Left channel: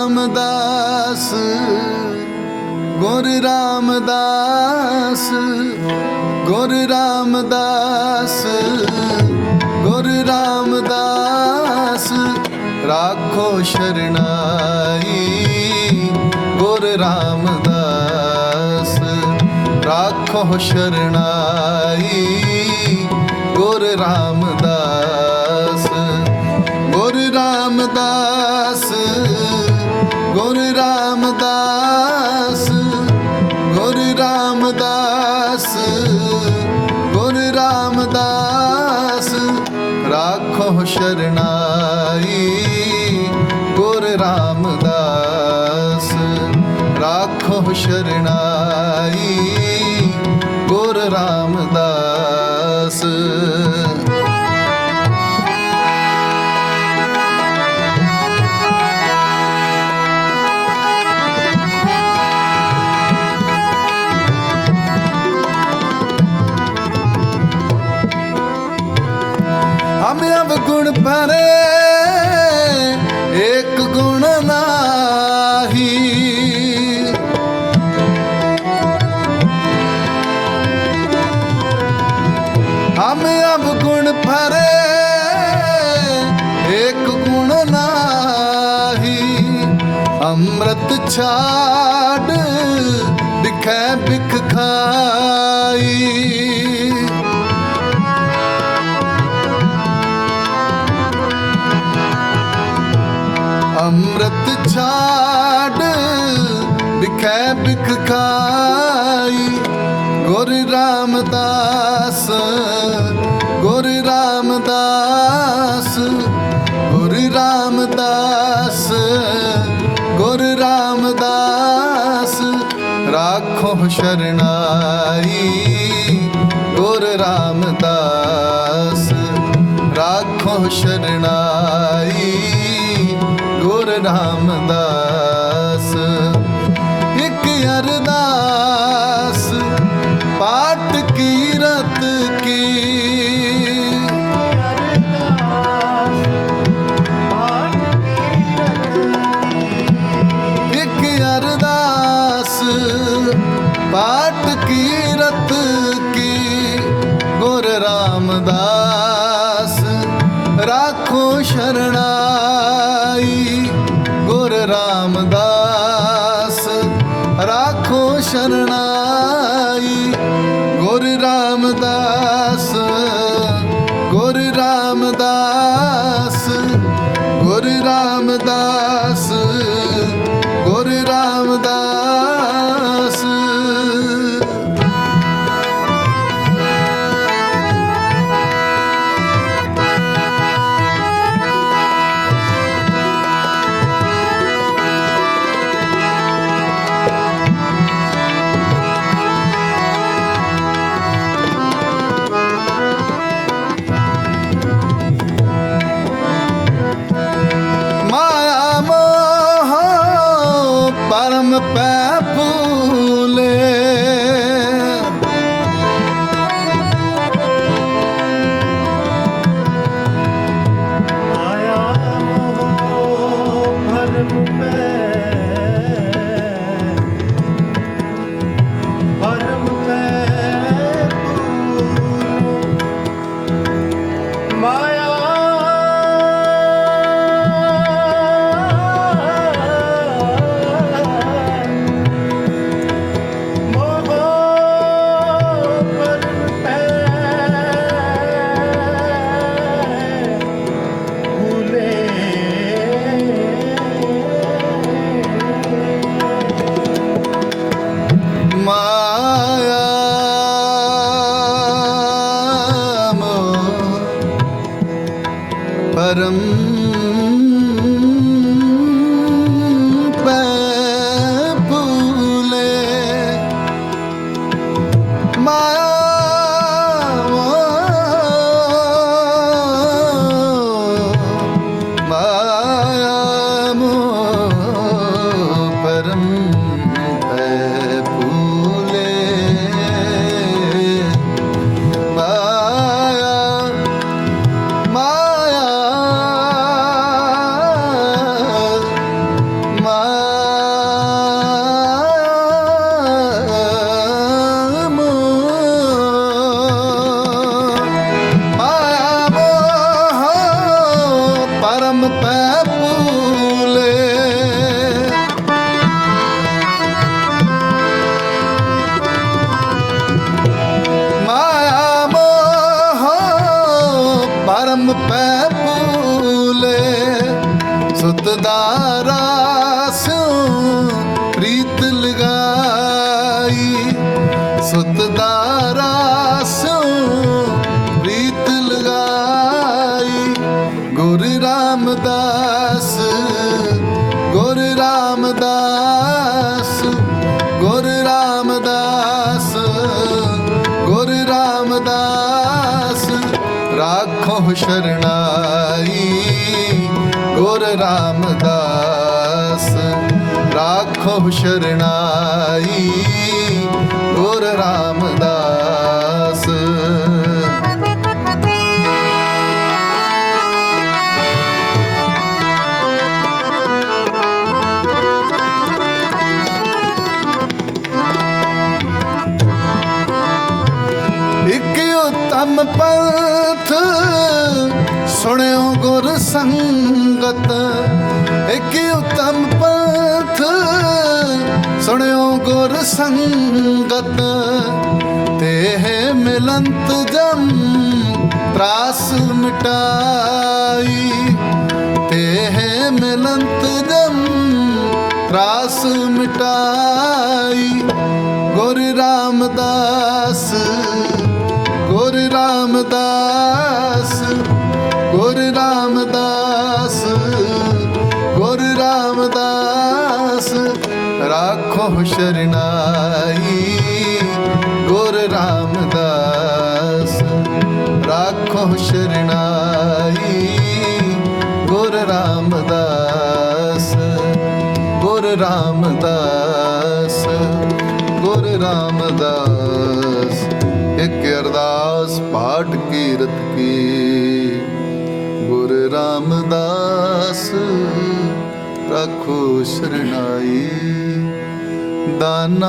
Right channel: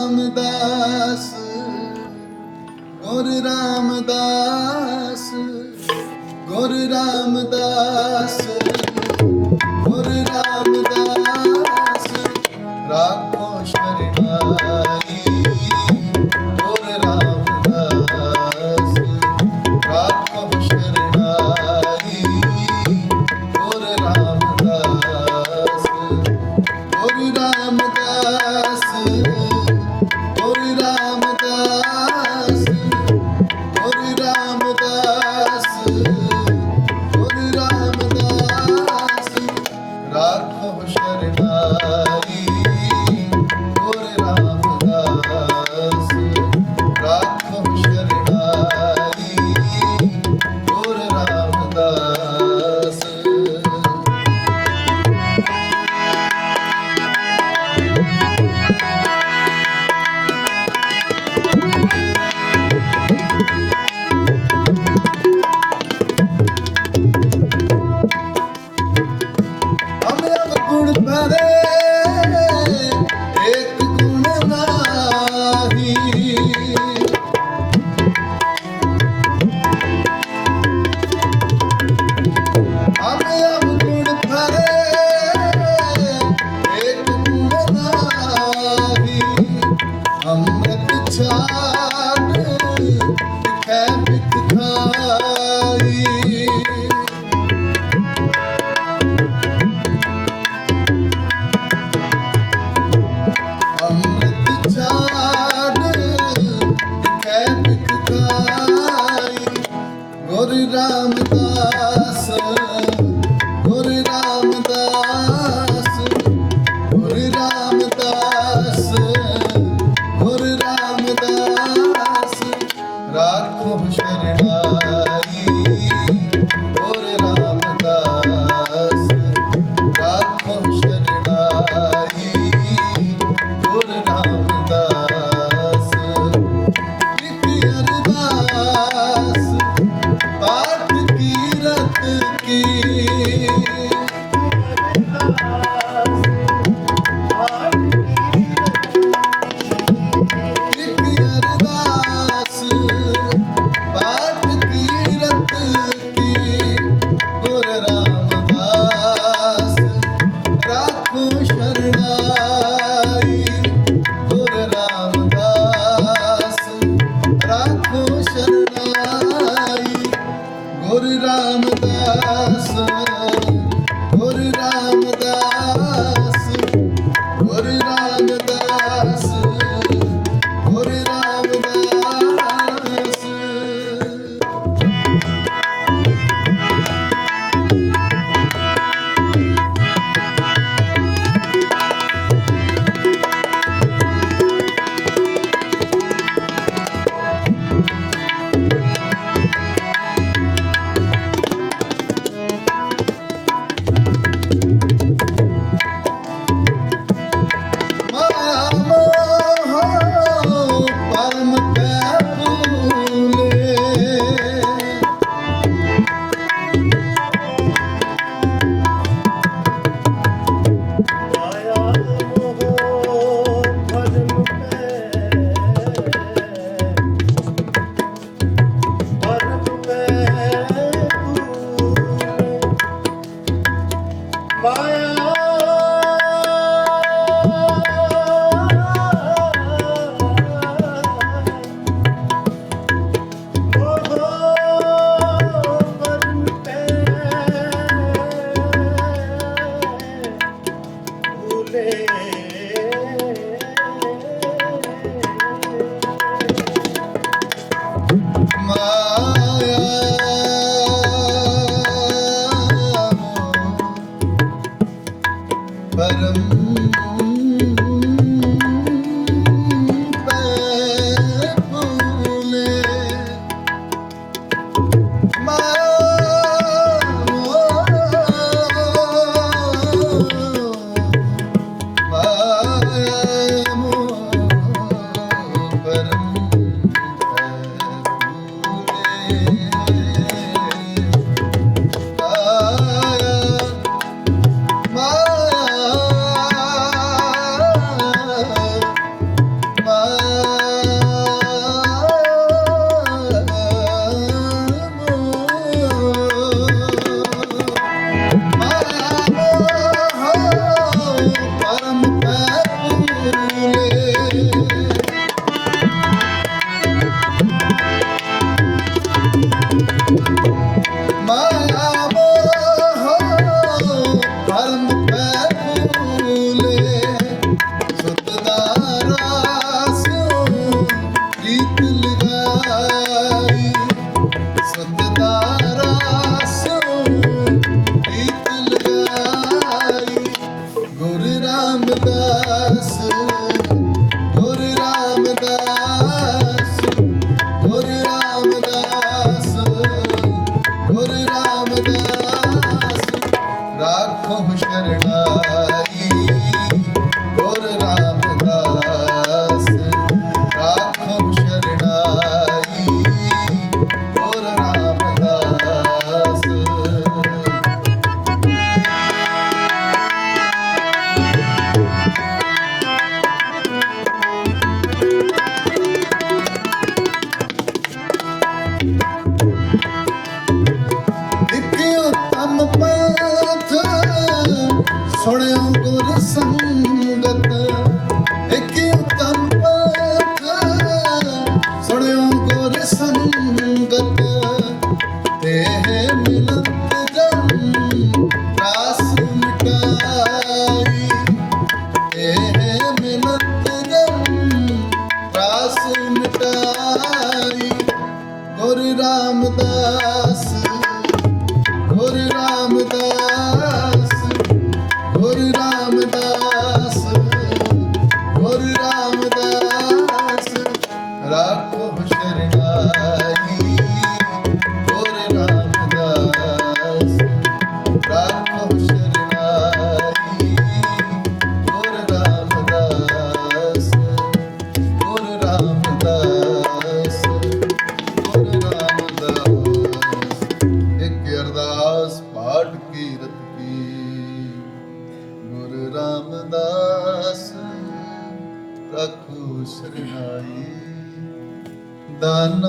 ਰਾਮਦਾਸ ਗੁਰ ਰਾਮਦਾਸ ਗੁਰ ਰਾਮਦਾਸ ਗੁਰ ਰਾਮਦਾਸ ਰਾਖੋ ਸ਼ਰਣਾਈ ਗੁਰ ਰਾਮਦਾਸ ਰਾਖੋ ਸ਼ਰਣ padre. ਸ਼ਰਨਾਈ ਗੁਰ ਰਾਮਦਾਸ ਰਾਖੋ ਸ਼ਰਨਾਈ ਗੁਰ ਰਾਮਦਾਸ ਇੱਕ ਅਰਦਾਸ ਪਾਠ ਕੀਰਤ ਕੀ ਰਾਮਦਾਸ ਗੁਰ ਰਾਮਦਾਸ ਗੁਰ ਰਾਮਦਾਸ ਗੁਰ ਰਾਮਦਾਸ ਰਾਖੋ ਸ਼ਰਣਾਈ ਗੁਰ ਰਾਮ ਪਥ ਸੁਣਿਓ ਗੁਰ ਸੰਗਤ, ਇੱਕ ਉਤਮ ਪਥ ਸੁਣਿਓ ਗੁਰ ਸੰਗਤ, ਤੇ ਹੈ ਮਿਲੰਤ ਜਮ, ਤਰਾਸ ਮਿਟਾਈ। ਤੇ ਹੈ ਮਿਲੰਤ ਜਮ, ਤਰਾਸ ਮਿਟਾਈ। ਗੁਰ ਰਾਮਦਾਸ ਸ਼ਰਨਾਈ ਗੁਰ ਰਾਮਦਾਸ। ਰਾਖੋ ਸ਼ਰਨਾਈ ਗੁਰ ਰਾਮਦਾਸ। ਗੁਰ ਰਾਮਦਾਸ ਗੁਰ ਰਾਮਦਾਸ। ਇੱਕ ਅਰਦਾਸ, ਪਾਠ, ਕੀਰਤ ਕੀ। ਗੁਰ ਰਾਮਦਾਸ, ਰੱਖੋ ਸ਼ਰਨਾਈ দানা